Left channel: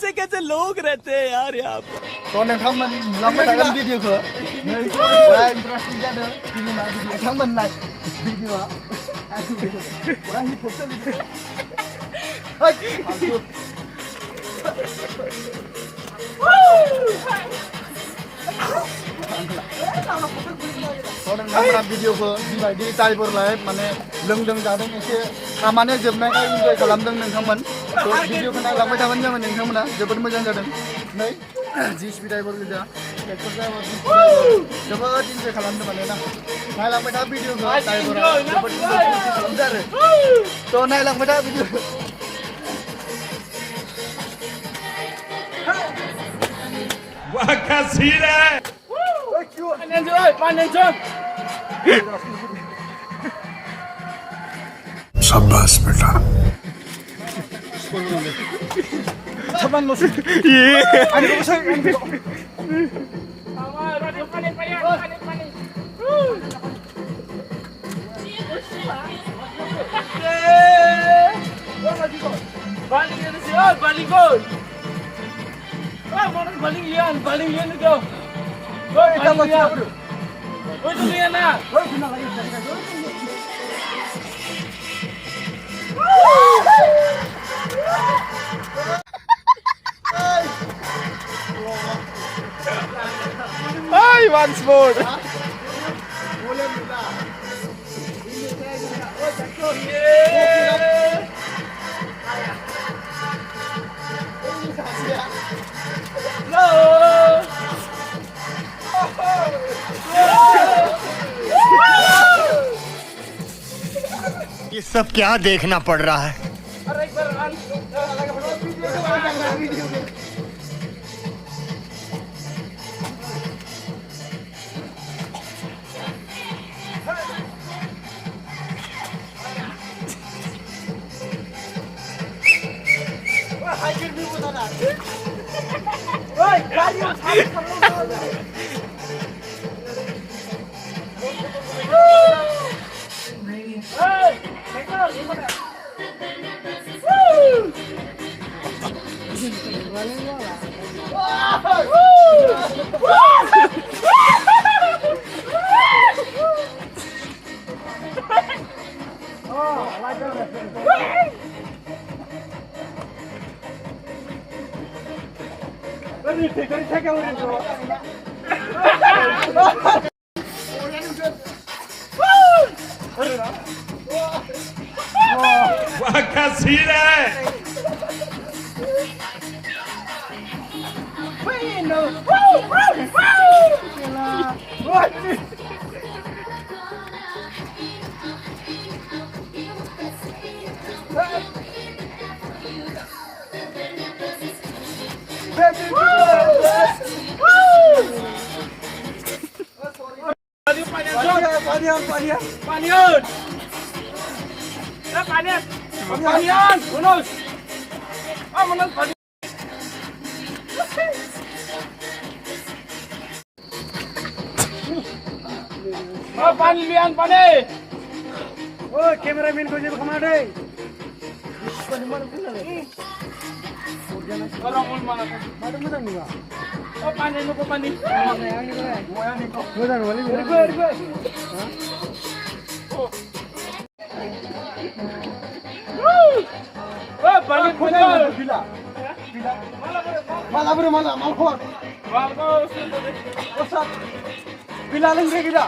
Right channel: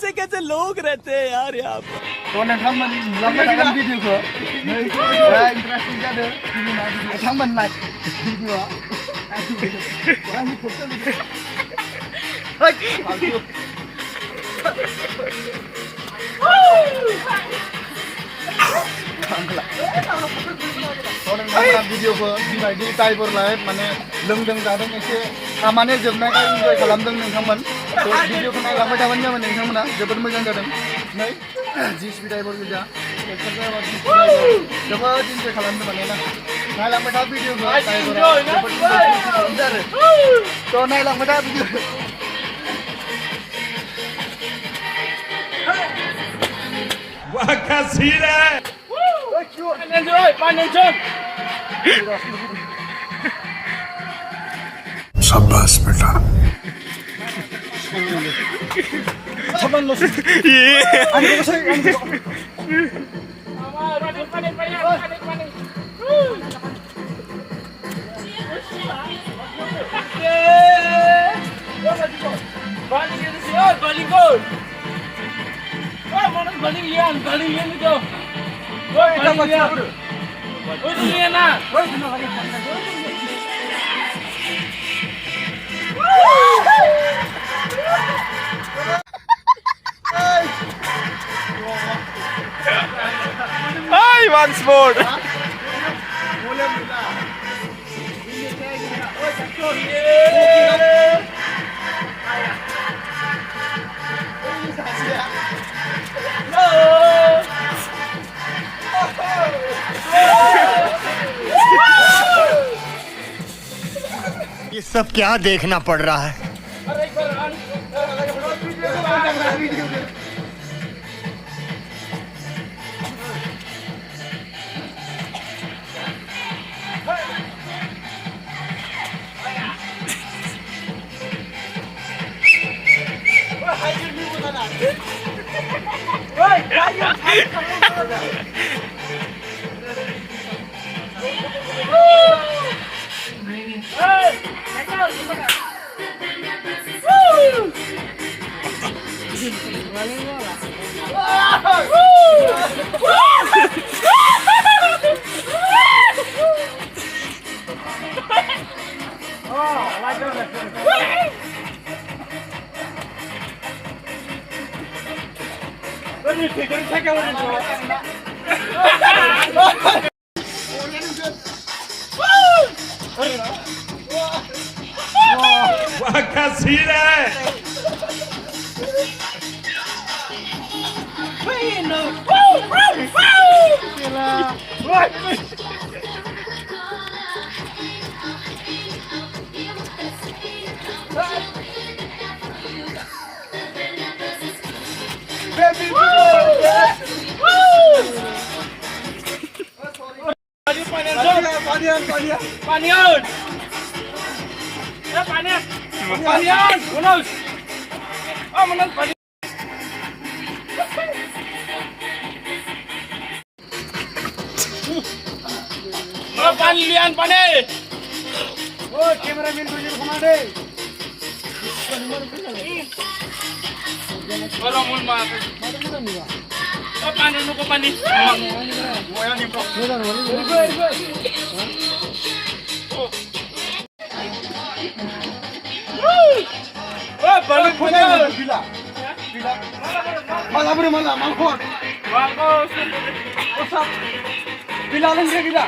कैसे कैसे लोग रहते हैं यार यहाँ पर Còn em thăm mình làm cái thằng video của người interesting ra nữa thì mình làm video thăm mình này video á ai chụp video quá hip hop cho video Còn em làm video của đi bài đi tay por lại माने लोंदों जादों एसे खामानि जोबनायखाय इन्जय खालामदों नोंथांमोन भिडिअखौ नायलांबाय थाबानो जाबाय नोंथांमोना जोबोद मोजां जादों नै JCB ड्राइभार गोजा ट्रेक्टर ड्राइभार जोबोद इन्जय खालामदों माने ना नायलांबाय था भिडिअखौ ड्राइभारा जोबोद इन्जय खालामदों आरो थ' नायलांबाय था भिडिअखौ वाह क्या सीन है शाबाश बेटा Saban lo sih. ये Ano ko sa'yo? Ano ko? Baling yan siya, baling gol. Mana baling yan ito. Baling yan. Uy, yan na. Ay, once more. ये सब क्या देखना पड़ रहा है वाह क्या सीन है Panian, bonus. Oh, menang panian. Oh, panian, pani. Oh, cameraman ko dito kumade. Orang ulma. Oh, panen ko pani. Mo yan bro. Oh, balik panian. Bila. Malah bro malah malkor. Bila लेंगे bila.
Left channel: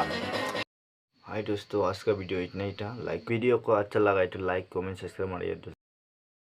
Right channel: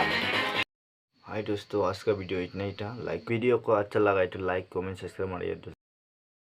हाय दोस्तों आज का video इतना ही था video को अच्छा लगा तो लाइक कमेंट सब्सक्राइब मारिए।